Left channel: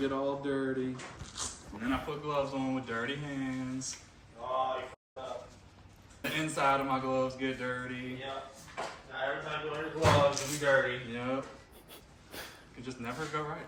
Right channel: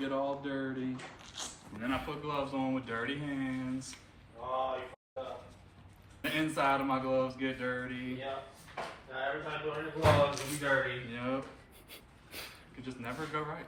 get all dirty. And then I put gloves on with dirty hands. Oh, you f***ed up. The inside of my gloves get dirty. Yep. Now every time you wear the gloves, it'll be dirty. Yep. Could just never go right.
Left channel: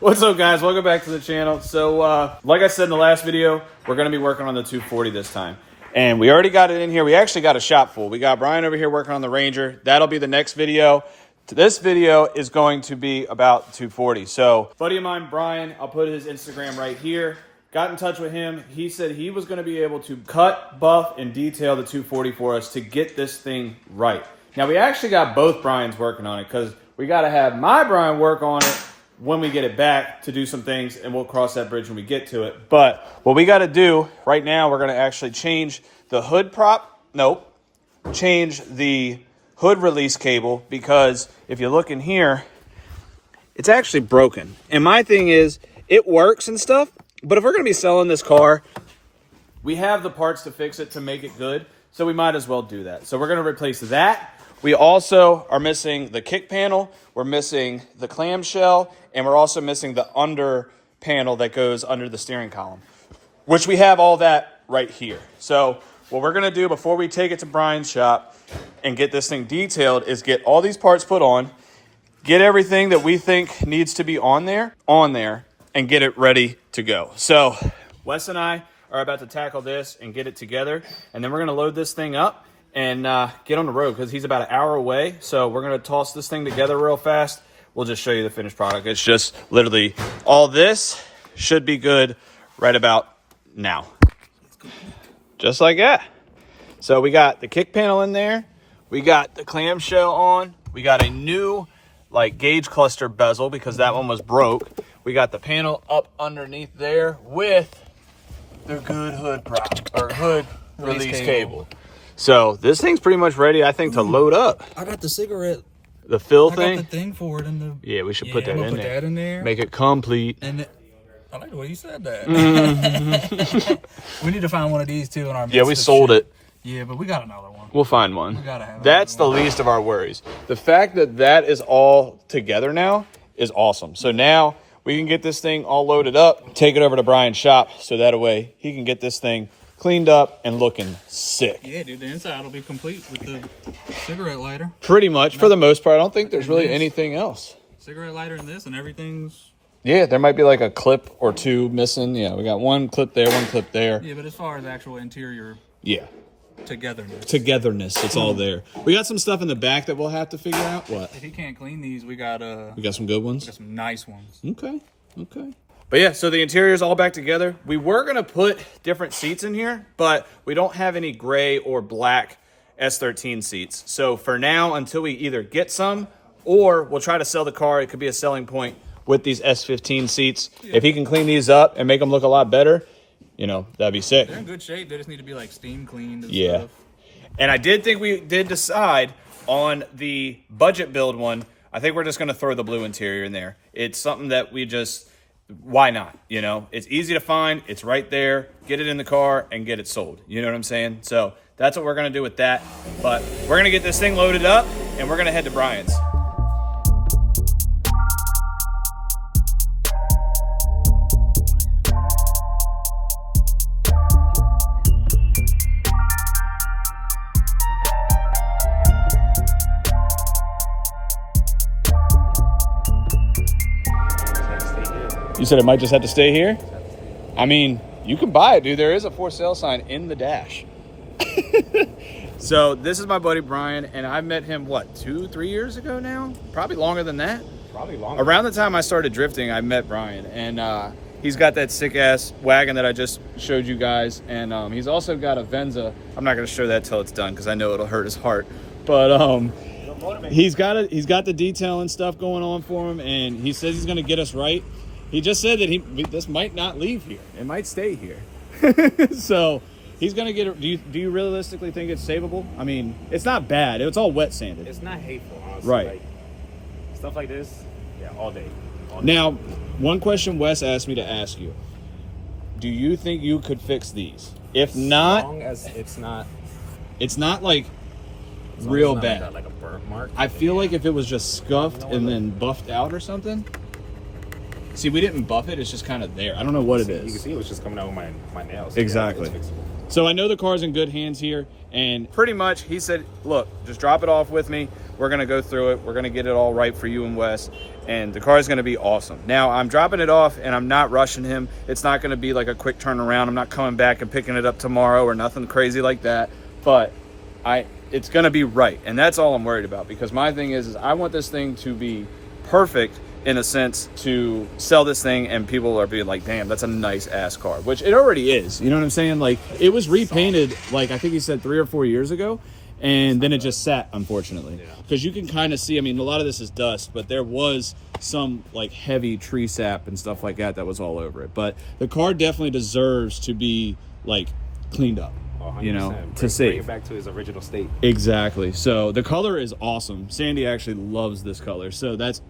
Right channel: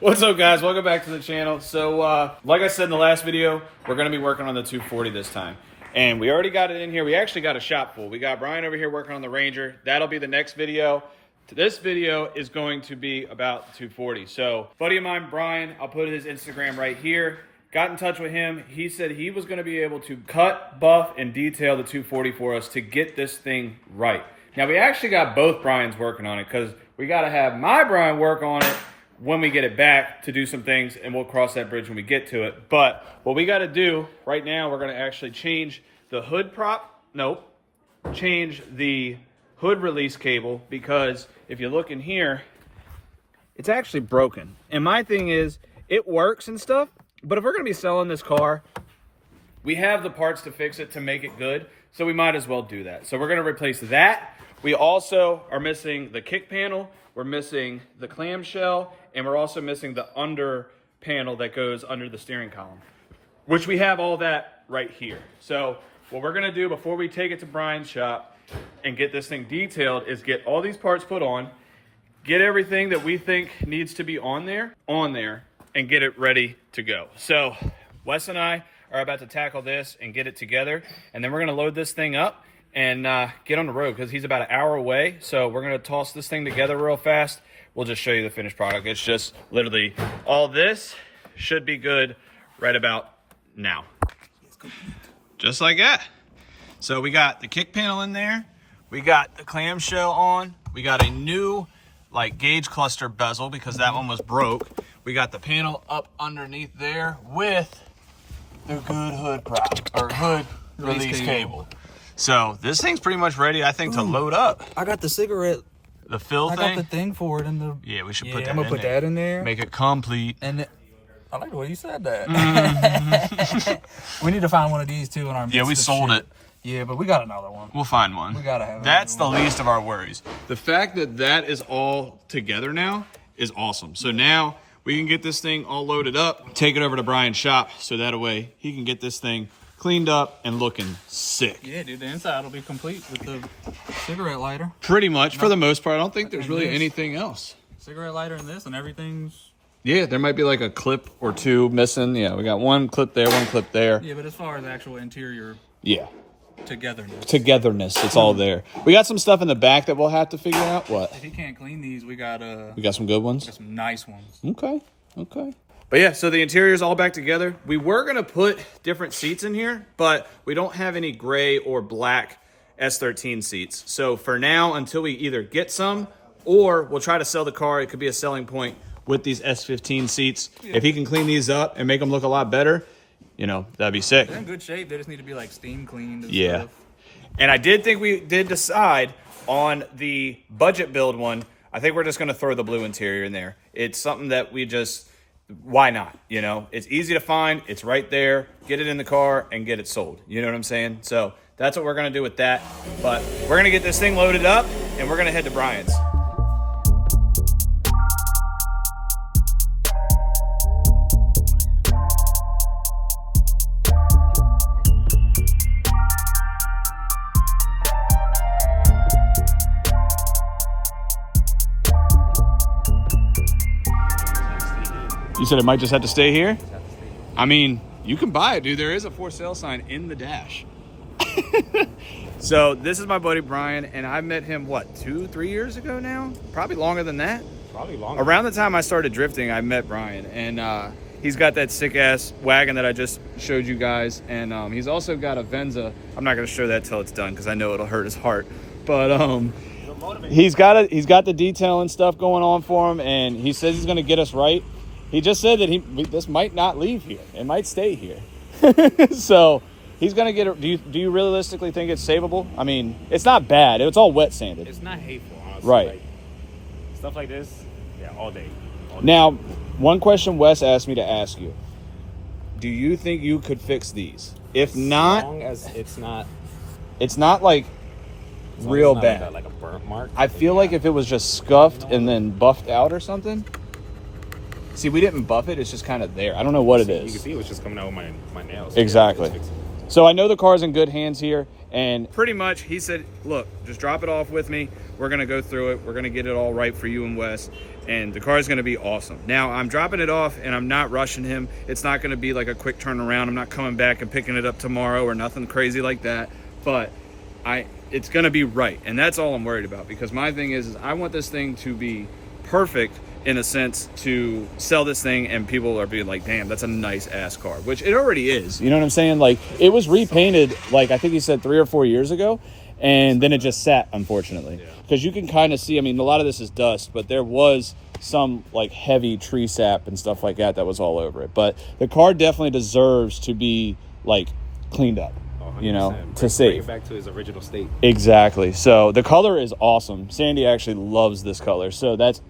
What's up, guys? Welcome back to the channel. So, like I said in the last video, we're going to be working on the 240 this time. And we already got it in here. We actually got a shop full. We got Brian over here working on the Ranger. That'll be the next video. This video is going to be about 240. So, buddy of mine, Brian, I'll put his Instagram right here. Got in touch with him. He said he was going to be able to cut, buff, and detail the 240 for us to get this thing right. Now, we actually got both Brians working on it because we got to have my Brian work on it when we get it back to do some things, and we'll cross that bridge when we get to it. But what we got to do right now, we're going to actually change the hood prop. Nope. Change the hood release cable, because if you look in here, it's actually broken. And my thing is, it works and stuff, but if we're going to be selling this car, we have the parts to fix it to make it good, so we might as well do that. So we're going to replace that. We also are missing the kick panel, we're missing the clamshell, and we're also missing the under panel that goes under the steering column, which we have all that right here. So what we're gonna do before we take it to Brian's shop and get this thing detailed is get all these parts put on, get everything that we think needs to be on there, and get it ready to go. So Wes and I are about to tackle this and get it together, and then we're gonna load this thing up and get on the road because he's about an hour away. So we're gonna toss this thing together real fast. We'll just show you the finished product. It's just literally all this should be good right about now. Just like that. So we got the kick panel in there. We got the clamshell on. We got a new like gauge cluster bezel because that one was broke. We got the panel up underneath there with the good hood prop or hood release cable. So this thing's pretty much ready, I think, to load up. I got the cigarette. The fill I thing? got the thing for it in the... Yeah, we should put that in there. I'm going to put that in there. Make it complete. And I like the way you said that. We need to find one of these, too, in our... Yeah, we sold it. Yeah, but we got another one. We'll find one. We got to have it. That's the least of our worries. The fact that that is all together now is awesome. So now we can get this thing all loaded up, take it over to Brian's shop, so that way he can get this thing cleaned up and looking sick. Yeah, dude, the inside will be complete with the cigarette lighter. Pretty much, for the most part. I don't think there's really anything else. Cigarette lighter in this, and everything's... Yeah, there might be like a clip or two missing. Yeah, we got one clip there, one clip there. Yeah, but as far as actual interior... Yeah. Togetherness, it's all there. We got some stuff in the back that we'll have to figure out. What? If he can't clean these, we got some good ones? We got some nice ones. Okay. But yeah, so the interior is all back together. We were going to put different seats in here, but we don't have any gray or black S13 seats. So for now, until we either get some or we'll try to sell the car, it could be a selling point with these S15 seats. Yeah. If he can clean these up and make them look a lot better, you know, that'd be sick. They're in good shape. They just need to be like steam cleaned and stuff. And I did think we did decide on the budget build one. I think we're just going to throw the blue interior in there. It's something that we just... Why not? You know, it's easy to find. It's right there. Get it in the car and get it sold. You know what I'm saying? So that's what we're going to do with that. But we're going to get this thing loaded up and we're going to head to Brian's. You said it might just have to stay here? I mean, you can buy it, dude. There is a for sale sign in the dash. So this is my buddy Brian, and I met him, what, 2-3 years ago now? Probably longer than that. Probably longer. Around the time I started drifting, I met Brian, and he's got that sick-ass wagon that I just showed you guys, and he's also got a Venza. I'm not going to show that till it's done because I know it'll hurt his heart. But he's got the detail and stuff going on for him, and he says he's going to get us right. He just said that this might not leave here. It might stay here. So he's going to get it. Do you realistically think it's savable? I mean, it's not bad. It's all wet sanded. It's not hateful, honestly. Right. Like, stuff like this, yeah, all day. Now, one question Wes asked me to ask you. Do you think you could fix these? If not... As long as it's not... It's not like real bad. Like a burn burnt mark. I feel like if it was just scuffed and then buffed out or something. See, we didn't buff it. It's just kind of there. I don't know what it is. You can see it was just coming out with my nails. Exactly. Yeah, so I know the car's in good hands here. And pretty much he said, look, just drop it off with me. We're going to go through it. We're going to get it all right for you and Wes. And the car is going to be awesome. Now, I'm dropping it off and I'm not rushing him. It's not going to be like a quick turnaround. I'm not coming back and picking it up tomorrow or nothing crazy like that. But it's going to be right. And that's all I'm worried about, because my thing is I want this thing to be perfect in a sense to sell this thing and people are being like, damn, that's a nice ass car, which it already is. You know what I'm saying? Like, it was repainted, like I think he said 3 or 4 years ago, and then it just sat, unfortunately. Because you can kind of see, I mean, a lot of this is dust, but there was some like heavy tree sap and stuff like that was all over it. But the car definitely deserves to be like cleaned up. You know, to save. Bring it back to his original state. Exactly. So the color is awesome. Sandy actually loves this color. So that's,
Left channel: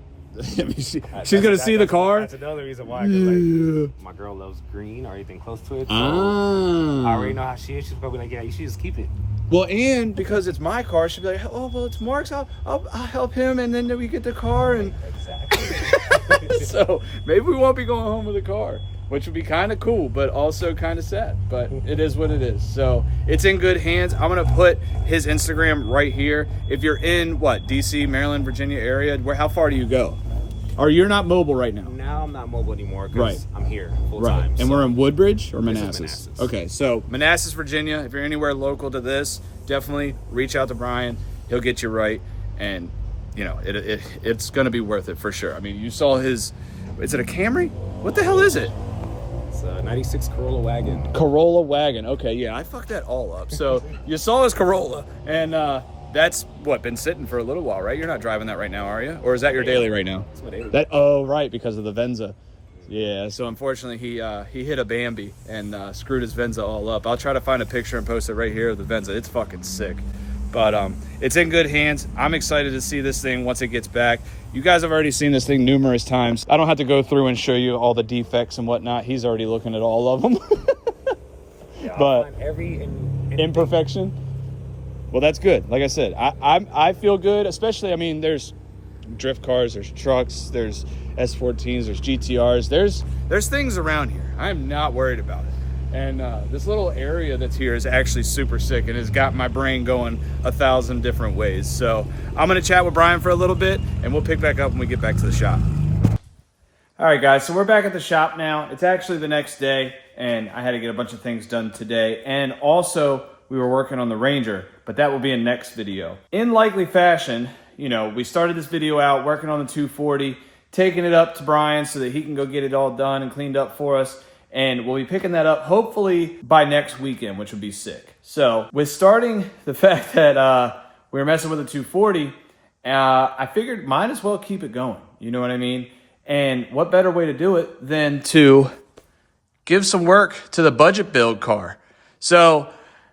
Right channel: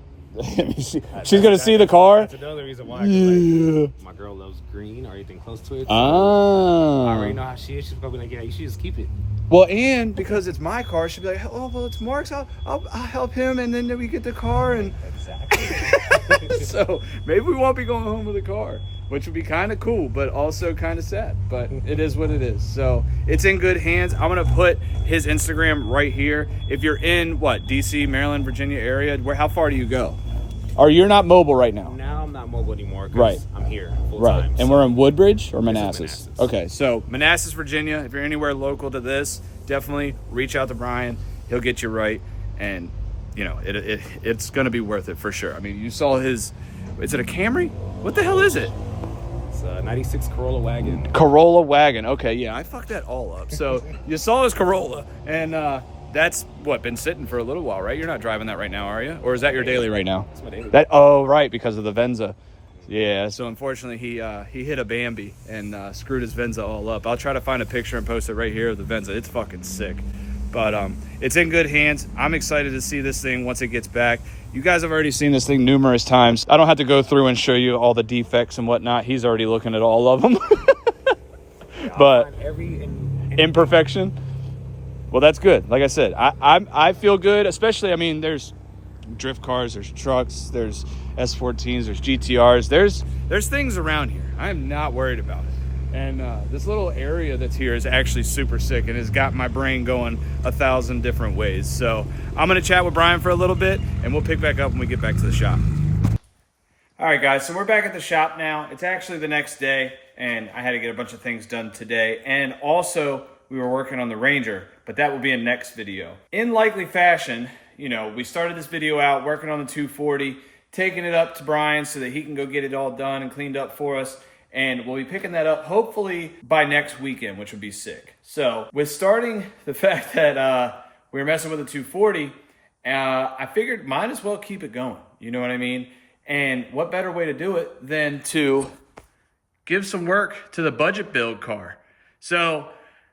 she's going to see the car. That's another reason why. Like, my girl loves green or anything close to it. So I already know how she is. She's going to be like, yeah, you should just keep it. Well, and because it's my car, she'll be like, oh, well, it's Mark's. I'll help him, and then we get the car. And Exactly. so maybe we won't be going home with a car, which would be kind of cool, but also kind of sad. But it is what it is. So it's in good hands. I'm going to put his Instagram right here. If you're in, D.C., Maryland, Virginia area, how far do you go? Or you're not mobile right now? Now I'm not mobile anymore because right. I'm here full right. time. And we're in Woodbridge or Manassas? Manassas? Okay, so Manassas, Virginia. If you're anywhere local to this, definitely reach out to Brian. He'll get you right. And, you know, it's going to be worth it for sure. I mean, you saw his, is it a Camry? What the hell is it? It's a 96 Corolla wagon. Corolla wagon. Okay, yeah, I fucked that all up. So you saw his Corolla, and that's been sitting for a little while, right? You're not driving that right now, are you? Or is that your daily right now? That's my daily. Right, because of the Venza. Yeah, so unfortunately he hit a Bambi and screwed his Venza all up. I'll try to find a picture and post it right here of the Venza. It's fucking sick. But it's in good hands. I'm excited to see this thing once it gets back. You guys have already seen this thing numerous times. I don't have to go through and show you all the defects and whatnot. He's already looking at all of them. But every imperfection. Well, that's good. Like I said, I feel good, especially, I mean, there's drift cars, there's trucks, there's S14s, there's GTRs. There's things around here. I'm not worried about it. And this little area that's here is actually super sick and has got my brain going 1,000 different ways. So I'm going to chat with Brian for a little bit, and we'll pick back up when we get back to the shop. All right, guys, so we're back at the shop now. It's actually the next day, and I had to get a bunch of things done today. And also, we were working on the Ranger, but that will be in next video. In likely fashion, you know, we started this video out working on the 240, taking it up to Brian so that he can go get it all done and cleaned up for us. And we'll be picking that up hopefully by next weekend, which would be sick. So with starting the fact that we were messing with the 240, I figured might as well keep it going. You know what I mean? And what better way to do it than to give some work to the budget build car. So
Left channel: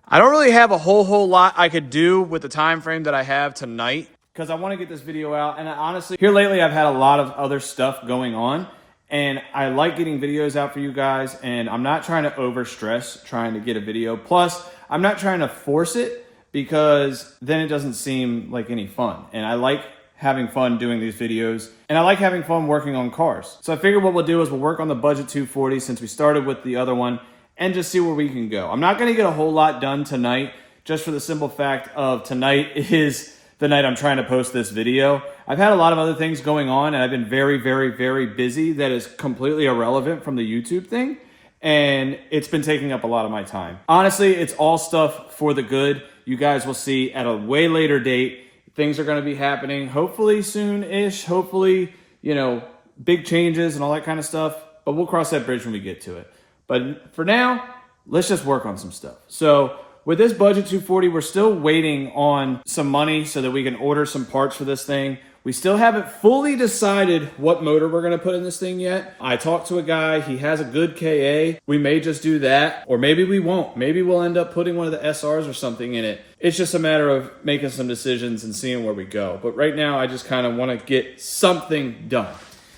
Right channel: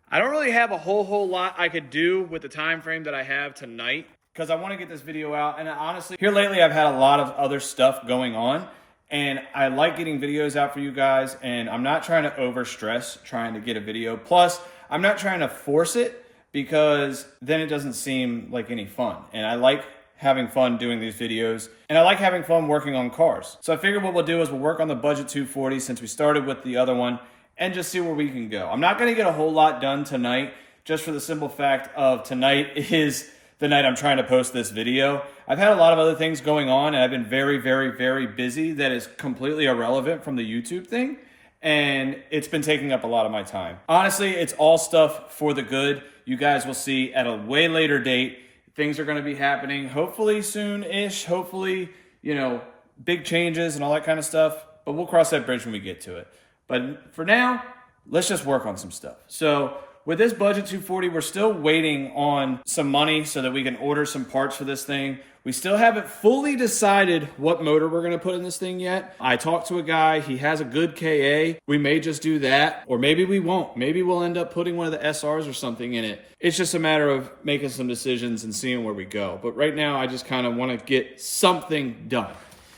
I don't really have a whole lot I could do with the time frame that I have tonight, because I want to get this video out. And honestly, here lately I've had a lot of other stuff going on, and I like getting videos out for you guys, and I'm not trying to overstress trying to get a video. Plus, I'm not trying to force it, because then it doesn't seem like any fun. And I like having fun doing these videos, and I like having fun working on cars. So I figured what we'll do is we'll work on the budget 240 since we started with the other one, and just see where we can go. I'm not gonna get a whole lot done tonight, just for the simple fact of tonight is the night I'm trying to post this video. I've had a lot of other things going on, and I've been very, very, very busy that is completely irrelevant from the YouTube thing, and it's been taking up a lot of my time. Honestly, it's all stuff for the good. You guys will see at a way later date. Things are gonna be happening, hopefully soon-ish, hopefully, you know, big changes and all that kind of stuff, but we'll cross that bridge when we get to it. But for now, let's just work on some stuff. So with this budget 240, we're still waiting on some money so that we can order some parts for this thing. We still haven't fully decided what motor we're going to put in this thing yet. I talked to a guy. He has a good KA. We may just do that, or maybe we won't. Maybe we'll end up putting one of the SRs or something in it. It's just a matter of making some decisions and seeing where we go. But right now, I just kind of want to get something done.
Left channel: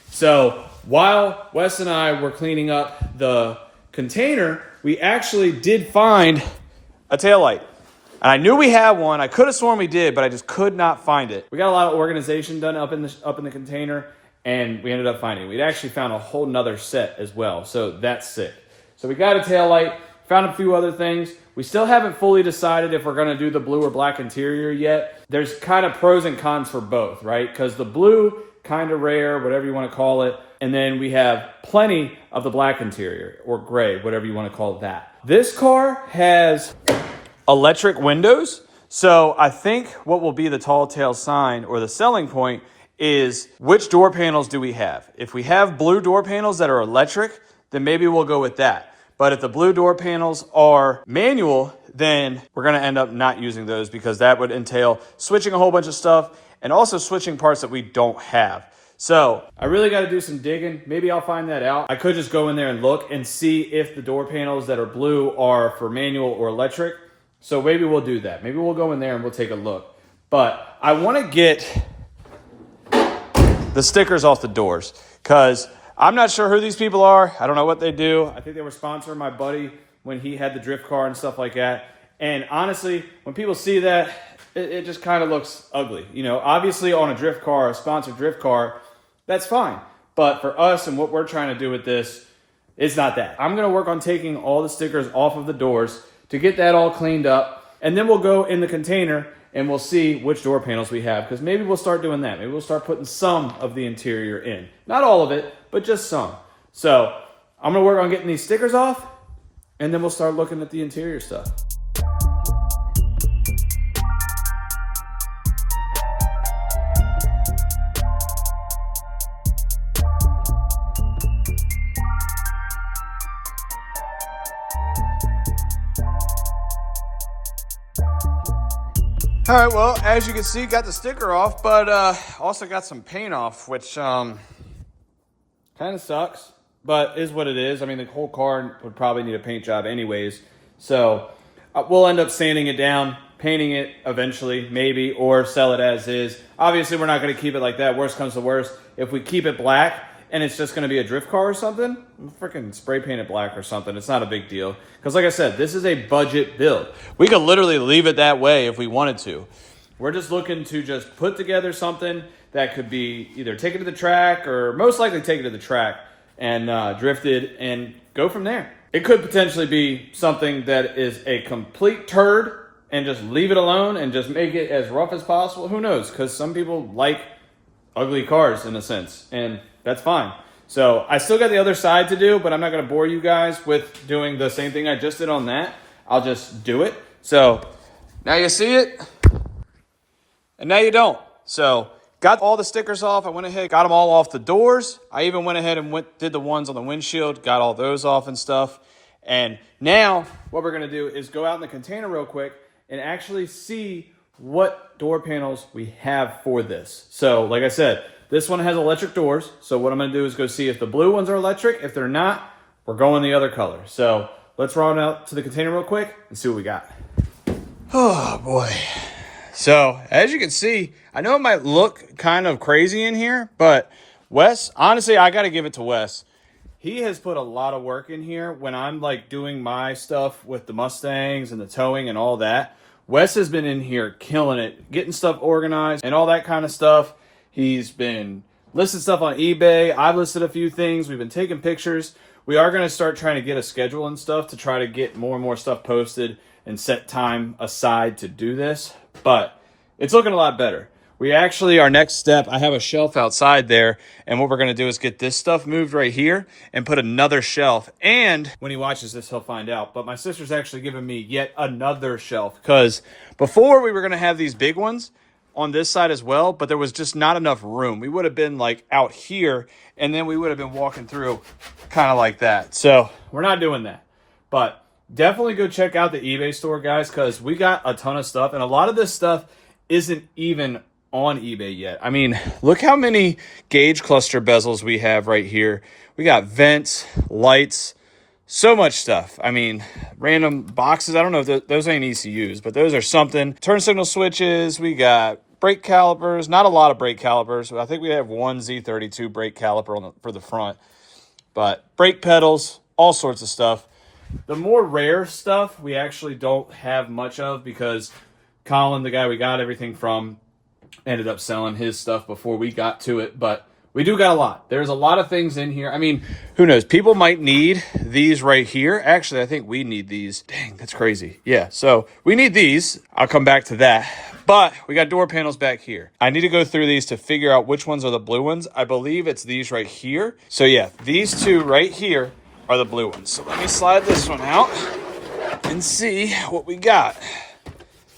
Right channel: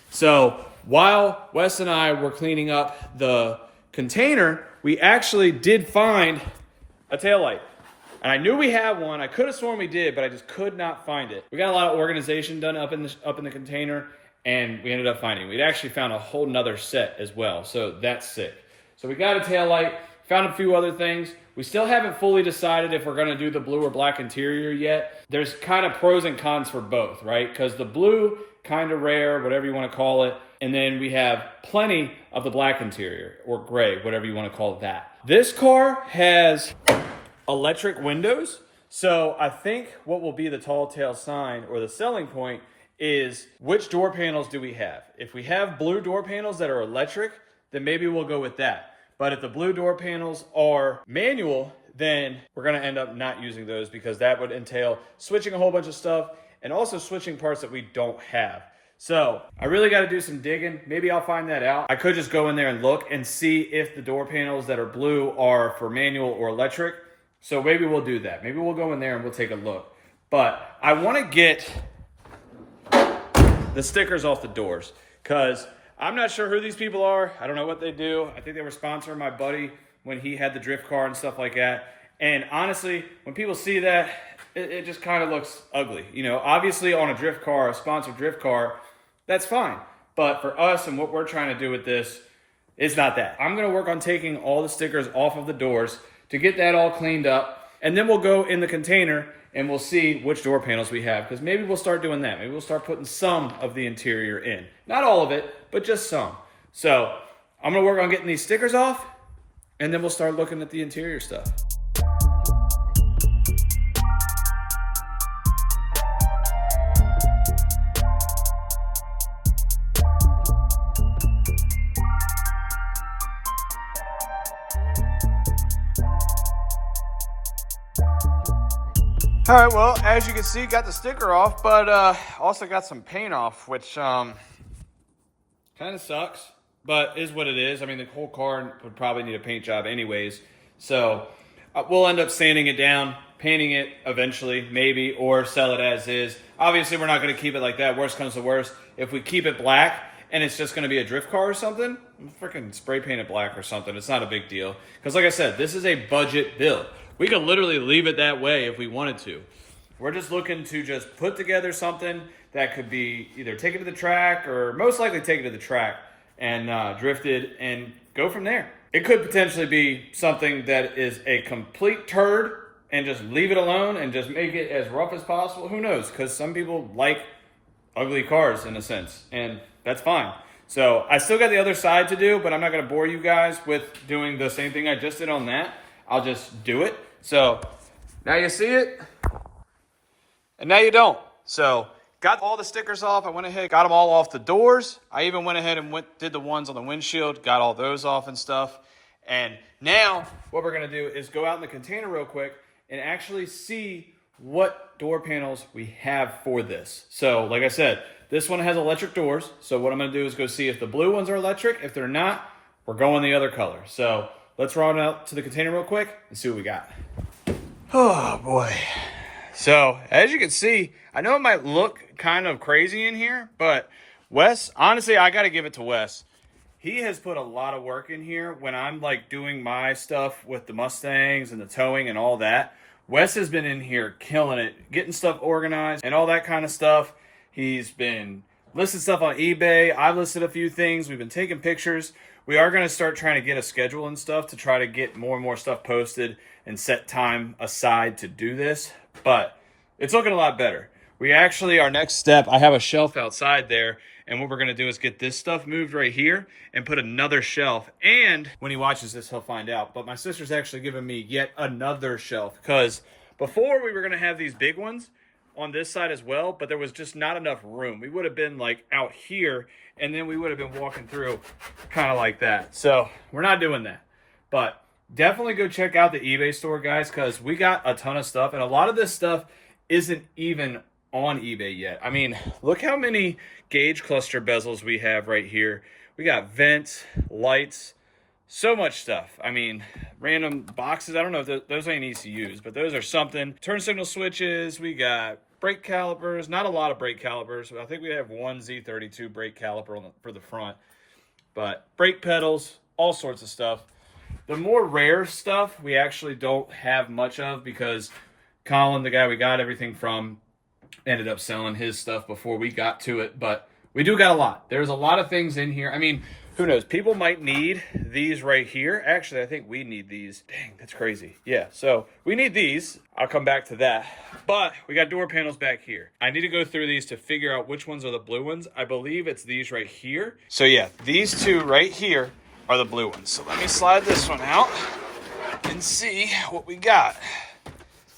So while Wes and I were cleaning up the container, we actually did find a taillight. And I knew we had one. I could have sworn we did, but I just could not find it. We got a lot of organization done up in the container, and we ended up finding it. We'd actually found a whole nother set as well, so that's sick. So we got a taillight, found a few other things. We still haven't fully decided if we're going to do the blue or black interior yet. There's kind of pros and cons for both, right? Because the blue, kind of rare, whatever you want to call it. And then we have plenty of the black interior, or gray, whatever you want to call that. This car has electric windows. So I think what will be the tall tale sign, or the selling point, is which door panels do we have? If we have blue door panels that are electric, then maybe we'll go with that. But if the blue door panels are manual, then we're going to end up not using those, because that would entail switching a whole bunch of stuff and also switching parts that we don't have. So I really got to do some digging. Maybe I'll find that out. I could just go in there and look and see if the door panels that are blue are for manual or electric. So maybe we'll do that. Maybe we'll go in there and we'll take a look. But I want to get the stickers off the doors, because I'm not sure who these people are. I don't know what they do. I think they were sponsoring my buddy when he had the drift car and stuff like that. And honestly, when people see that, it just kind of looks ugly. You know, obviously on a drift car, a sponsored drift car, that's fine. But for us and what we're trying to do with this, it's not that. I'm going to work on taking all the stickers off of the doors to get that all cleaned up. And then we'll go in the container and we'll see which door panels we have, because maybe we'll start doing that. Maybe we'll start putting some of the interior in. Not all of it, but just some. So I'm going to work on getting these stickers off, and then we'll start looking at the interior stuff. All right, well, as you can see, got the sticker off, but also got some paint off, which kind of sucks, but is what it is. I mean, the whole car would probably need a paint job anyways. So we'll end up sanding it down, painting it eventually, maybe, or sell it as is. Obviously, we're not going to keep it like that. Worst comes to worst. If we keep it black and it's just going to be a drift car or something, freaking spray paint it black or something. It's not a big deal. Because like I said, this is a budget build. We could literally leave it that way if we wanted to. We're just looking to just put together something that could be either take it to the track, or most likely take it to the track and drift it and go from there. It could potentially be something that is a complete turd and just leave it alone and just make it as rough as possible. Who knows? Because some people like ugly cars in a sense, and that's fine. So I still got the other side to do, but I'm not going to bore you guys with doing the same thing I just did on that. I'll just do it. So now you see it, and now you don't. So got all the stickers off. I went ahead, got them all off the doors. I even went ahead and did the ones on the windshield, got all those off and stuff. And now what we're going to do is go out in the container real quick and actually see what door panels we have for this. So like I said, this one has electric doors. So what I'm going to do is go see if the blue ones are electric. If they're not, we're going the other color. So let's run out to the container real quick and see what we got. Oh boy. So as you can see, I know it might look kind of crazy in here, but Wes, honestly, I got to give it to Wes. He has put a lot of work in here when I'm like doing my stuff with the Mustangs and the towing and all that. Wes has been in here killing it, getting stuff organized and all that kind of stuff. He's been listing stuff on eBay. I've listed a few things. We've been taking pictures. We are going to start trying to get a schedule and stuff to try to get more and more stuff posted and set time aside to do this. But it's looking a lot better. We actually, our next step, I have a shelf outside there. And what we're going to do is get this stuff moved right here and put another shelf. And when he watches this, he'll find out. But my sister's actually giving me yet another shelf. Because before we were going to have these big ones on this side as well, but there was just not enough room. We would have been like out here, and then we would have been walking through kind of like that. So we're not doing that. But definitely go check out the eBay store, guys, because we got a ton of stuff. And a lot of this stuff isn't even on eBay yet. I mean, look how many gauge cluster bezels we have right here. We got vents, lights, so much stuff. I mean, random boxes. I don't know if those ain't ECUs, but those are something. Turn signal switches. We got brake calipers. Not a lot of brake calipers. I think we have one Z32 brake caliper for the front. But brake pedals, all sorts of stuff. The more rare stuff we actually don't have much of because Colin, the guy we got everything from, ended up selling his stuff before we got to it, but we do got a lot. There's a lot of things in here. I mean, who knows? People might need these right here. Actually, I think we need these. Dang, that's crazy. Yeah, so we need these. I'll come back to that. But we got door panels back here. I need to go through these to figure out which ones are the blue ones. I believe it's these right here. So yeah, these two right here are the blue ones. So let me slide this one out and see what we got.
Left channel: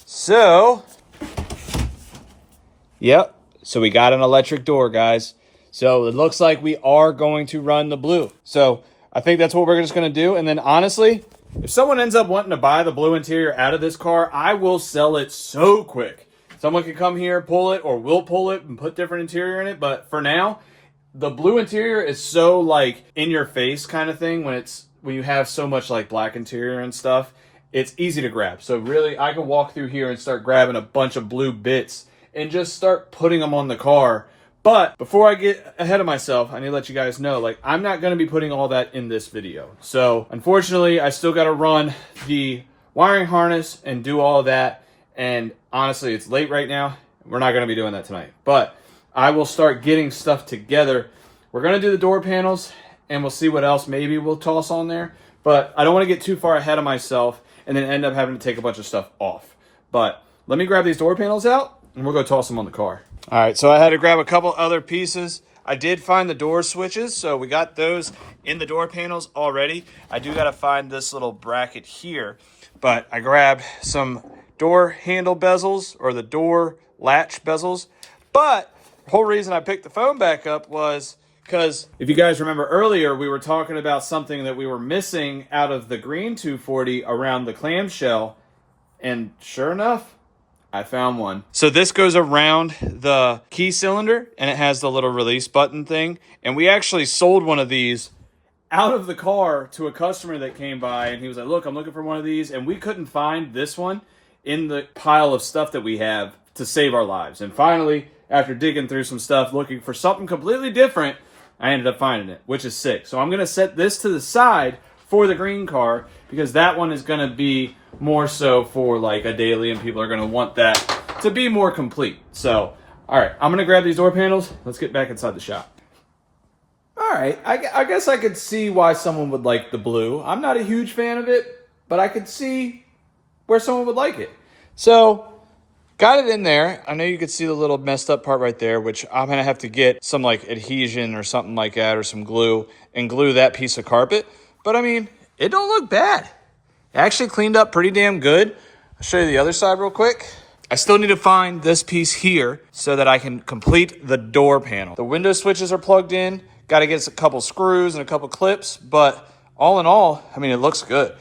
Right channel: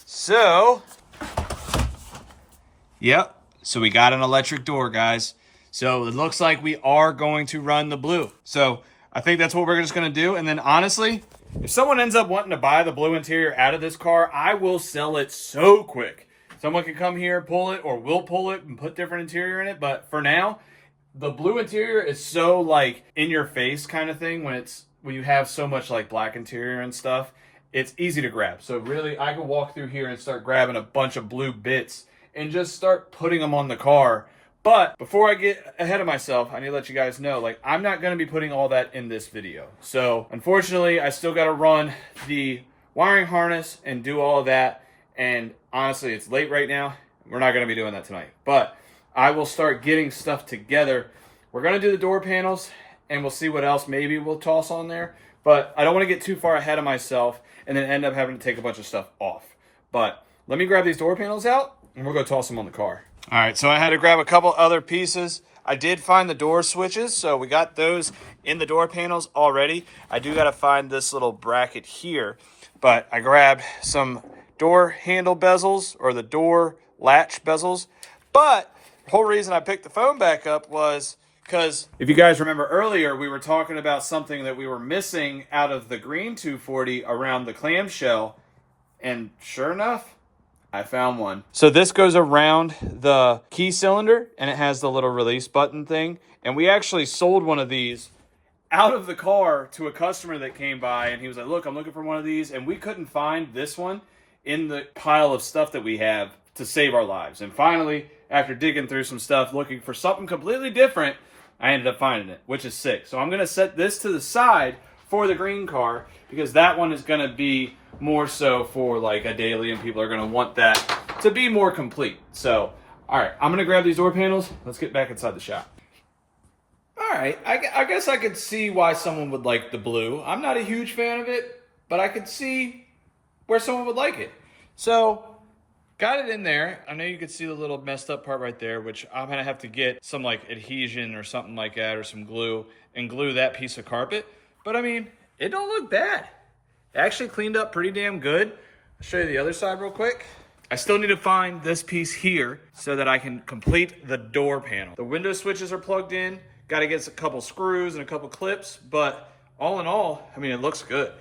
So, yep. So we got an electric door, guys. So it looks like we are going to run the blue. So I think that's what we're just going to do. And then honestly, if someone ends up wanting to buy the blue interior out of this car, I will sell it so quick. Someone can come here, pull it, or we'll pull it and put different interior in it. But for now, the blue interior is so like in your face kind of thing when you have so much like black interior and stuff. It's easy to grab. So really, I can walk through here and start grabbing a bunch of blue bits and just start putting them on the car. But before I get ahead of myself, I need to let you guys know, like, I'm not going to be putting all that in this video. So unfortunately, I still got to run the wiring harness and do all of that. And honestly, it's late right now. We're not going to be doing that tonight. But I will start getting stuff together. We're going to do the door panels, and we'll see what else maybe we'll toss on there. But I don't want to get too far ahead of myself and then end up having to take a bunch of stuff off. But let me grab these door panels out, and we'll go toss them on the car. All right, so I had to grab a couple other pieces. I did find the door switches, so we got those in the door panels already. I do got to find this little bracket here, but I grabbed some door handle bezels or the door latch bezels. But the whole reason I picked the phone back up was because if you guys remember earlier, we were talking about something that we were missing out of the green 240 around the clamshell, and sure enough, I found one. So this goes around the key cylinder, and it has the little release button thing. And we actually sold one of these out of the car to a customer that came by, and he was like, look, I'm looking for one of these. And we couldn't find this one in the pile of stuff that we have to save our lives. And finally, after digging through some stuff, looking for something completely different, I ended up finding it, which is sick. So I'm going to set this to the side for the green car because that one is going to be more so for like a daily, and people are going to want that to be more complete. So, all right, I'm going to grab these door panels. Let's get back inside the shop. All right, I guess I could see why someone would like the blue. I'm not a huge fan of it, but I could see where someone would like it. So, got it in there. I know you could see the little messed up part right there, which I'm going to have to get some like adhesion or something like that or some glue and glue that piece of carpet. But I mean, it don't look bad. It actually cleaned up pretty damn good. I'll show you the other side real quick. I still need to find this piece here so that I can complete the door panel. The window switches are plugged in. Got to get a couple screws and a couple clips, but all in all, I mean, it looks good.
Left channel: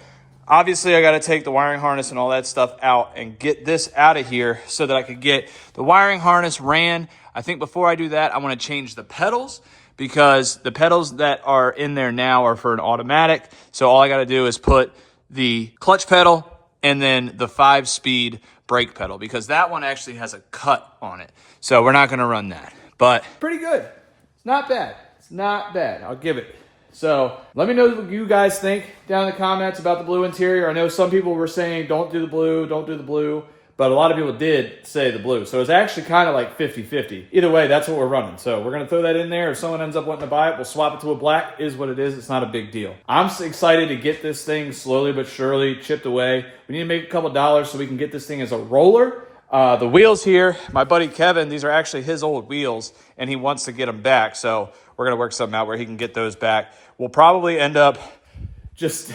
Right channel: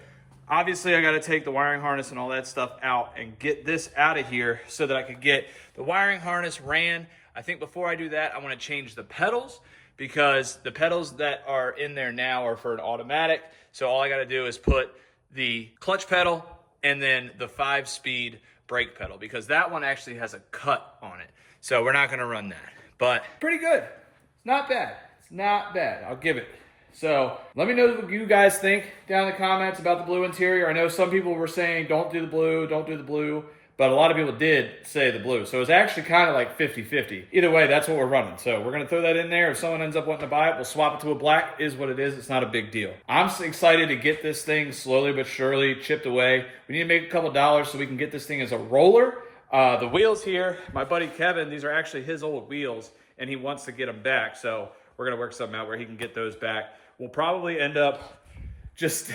Obviously, I got to take the wiring harness and all that stuff out and get this out of here so that I could get the wiring harness ran. I think before I do that, I want to change the pedals because the pedals that are in there now are for an automatic. So all I got to do is put the clutch pedal and then the 5-speed brake pedal because that one actually has a cut on it. So we're not going to run that, but pretty good. It's not bad. It's not bad. I'll give it. So let me know what you guys think down in the comments about the blue interior. I know some people were saying, don't do the blue, don't do the blue. But a lot of people did say the blue. So it's actually kind of like 50-50. Either way, that's what we're running. So we're going to throw that in there. If someone ends up wanting to buy it, we'll swap it to a black. Is what it is. It's not a big deal. I'm excited to get this thing slowly but surely chipped away. We need to make a couple dollars so we can get this thing as a roller. The wheels here, my buddy Kevin, these are actually his old wheels, and he wants to get them back. So we're going to work something out where he can get those back. We'll probably end up just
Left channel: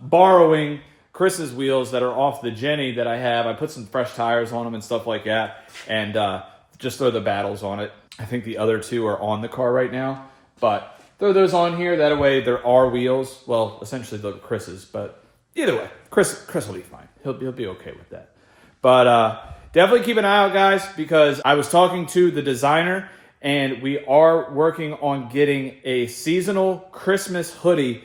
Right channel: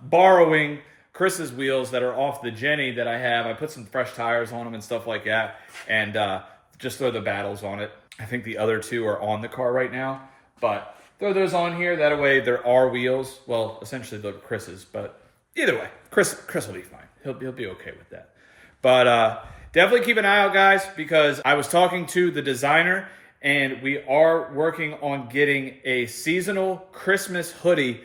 borrowing Chris's wheels that are off the Jenny that I have. I put some fresh tires on them and stuff like that, and just throw the battles on it. I think the other two are on the car right now, but throw those on here. That way there are wheels. Well, essentially they're Chris's, but either way, Chris will be fine. He'll be okay with that. But definitely keep an eye out, guys, because I was talking to the designer, and we are working on getting a seasonal Christmas hoodie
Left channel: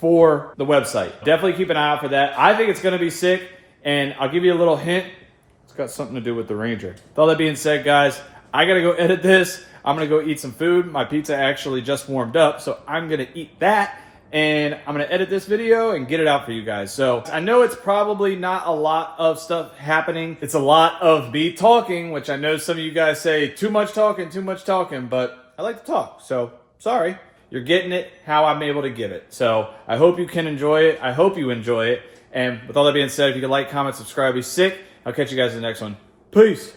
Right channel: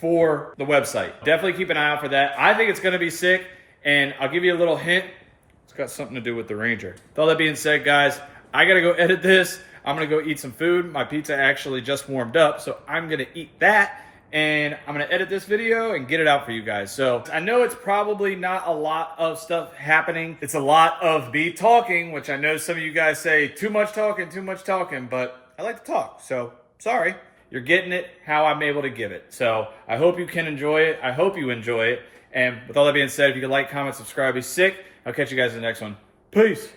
for the website. Definitely keep an eye out for that. I think it's going to be sick, and I'll give you a little hint. It's got something to do with the Ranger. With all that being said, guys, I got to go edit this. I'm going to go eat some food. My pizza actually just warmed up, so I'm going to eat that, and I'm gonna edit this video and get it out for you guys. So I know it's probably not a lot of stuff happening. It's a lot of me talking, which I know some of you guys say too much talking, but I like to talk. So sorry, you're getting it how I'm able to give it. So I hope you can enjoy it. I hope you enjoy it. And with all that being said, if you could like, comment, subscribe, be sick. I'll catch you guys in the next one. Peace.